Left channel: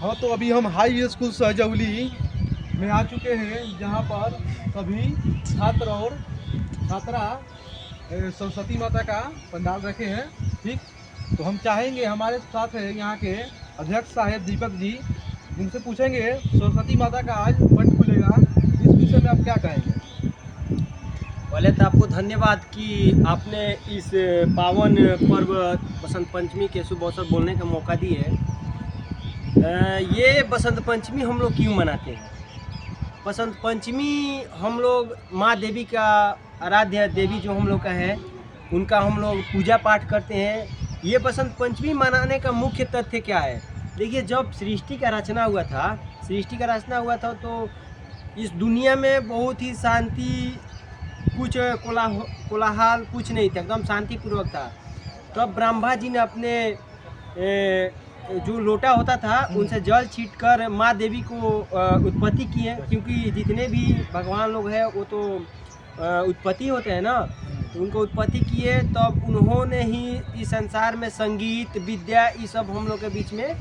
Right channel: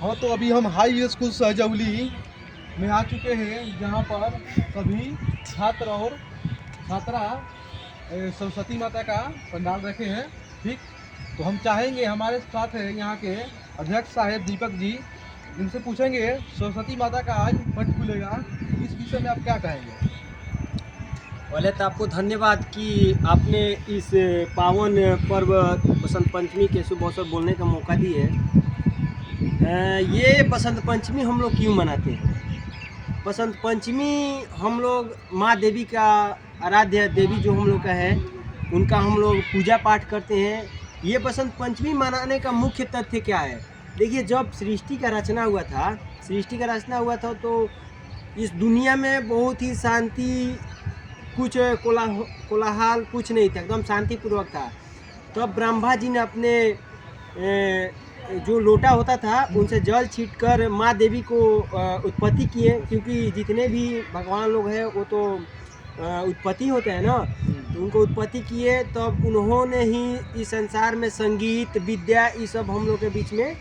हाँ, तो अभी हम हाई स्कूल सहजौली में आ चुके हैं, जहाँ पर सभी छात्र और छात्रा सरस्वती माता का पंडाल रखे हैं। ठीक, तो हम चाहेंगे, हमारे साथ है यहाँ के अध्यक्ष साहेब दीपक जी, जिनसे पूछेंगे सरस्वती माता का आज मठ खुलेगा, इस विषय में आप क्या कहेंगे? पहले तो आपको धन्यवाद कि आपने इस पावन पर्व बसंत पंचमी के शुभ अवसर बोलने का मौका दिए। ये बसंत पंचमी हम लोग क्यों मनाते हैं? बसंत पंचमी हम लोग माँ देवी का आराध्य देवी जो हम लोग का है, उनका हम लोग पूजा पाठ करते हैं। ये बसंत पंचमी मनाने का मुख्य तथ्य क्या है? देखिए, जब सृष्टि का रचना हुआ था तो इस दुनिया में बहुत ही शांति, कुछ कोलाहल कुछ नहीं था, एकदम शांतिपूर्वक था। तो अब ब्रह्मा जी ने अपने जो लोटा होता था उनसे जल छींटकर माँ देवी को उत्पत्ति किए, क्योंकि जितने भी भगवान लोग हैं वो तो उत्पत्ति होते हैं ना, उनको उत्पत्ति किए। तब उन्होंने ही इस संसार में संगीत विद्या ये सब हम लोग के बीच में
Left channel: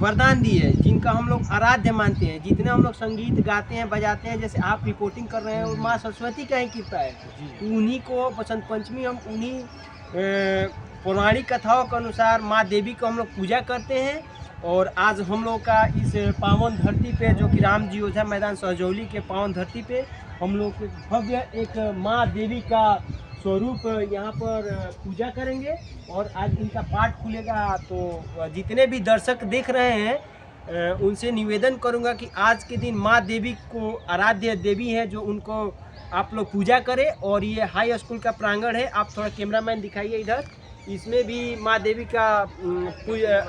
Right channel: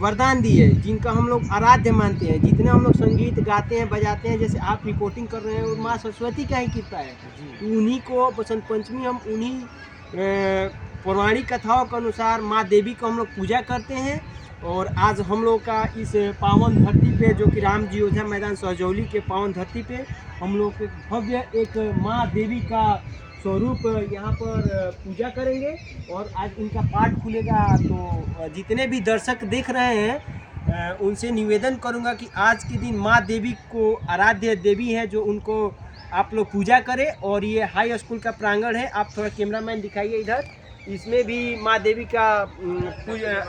वरदान दिए, जिनका हम लोग आराध्य मानते हैं। जितने हम लोग संगीत गाते हैं बजाते हैं, जैसे आप रिपोर्टिंग कर रहे हैं, और माँ सरस्वती का ही कृपा है। तो उन्हीं को बसंत पंचमी हम उन्हीं पौराणिक कथाओं के अनुसार माँ देवी को हम लोग पूजा करते हैं। और आज हम लोग का इस पावन धरती पे, जो कि राम जी अयोध्या मैदान सहजौली के पावन धरती पे, हम लोग भव्य एक माँ देवी का स्वरूप यहाँ पर पूजा करेंगे और आज इनका पाठ खुलेगा। तो जितने भी दर्शक देख रहे हैं उनसे निवेदन करूँगा कि आज के दिन माँ देवी को आराध्य देवी है, जो उनको आप लोग पूजा करें। और ये हाई स्कूल का प्रांगण है, आप थोड़ा कैमरामैन दिखाइए इधर, इसमें भी माँ देवी का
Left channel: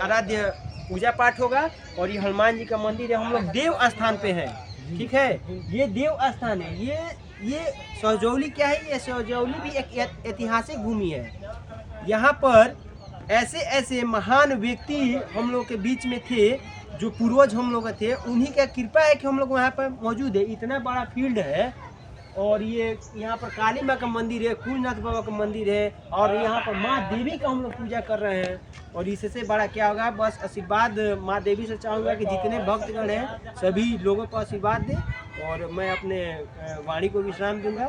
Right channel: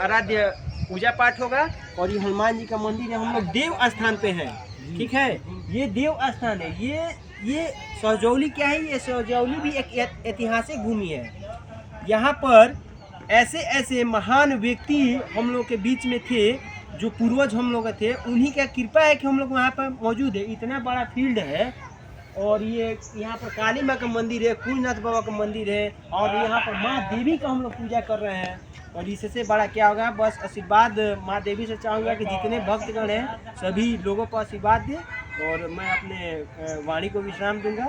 आराध्य पूजा पाठ होगा। और ये हनुमान जी का मंदिर है, हम लोग देव स्थान पे हैं। ठीक है, ये देव स्थान है। ये सहजौली क्या है? ये सहजौली भी एक ऐतिहासिक भूमि है। यहाँ पर ऐसे ऐसे महान व्यक्ति हम लोग के बीच में थे, जो पूर्वज हम लोग थे, उन्हीं का कृपा है कि हम लोग वहाँ पर मौजूद है। इतना बड़ा फील्ड है, और ये यहाँ पर काली माँ का मंदिर है, कुलनाथ बाबा का मंदिर है, और यहाँ पर माँ देवी का हम लोग पूजा कर रहे हैं। और इससे बड़ा क्या होगा? बस आशीर्वाद माँ देवी से चाहूँगा कि जितने भक्तगण हैं सभी लोगों को आशीर्वाद दें, और मैं अपने वाणी को विश्राम दूंगा।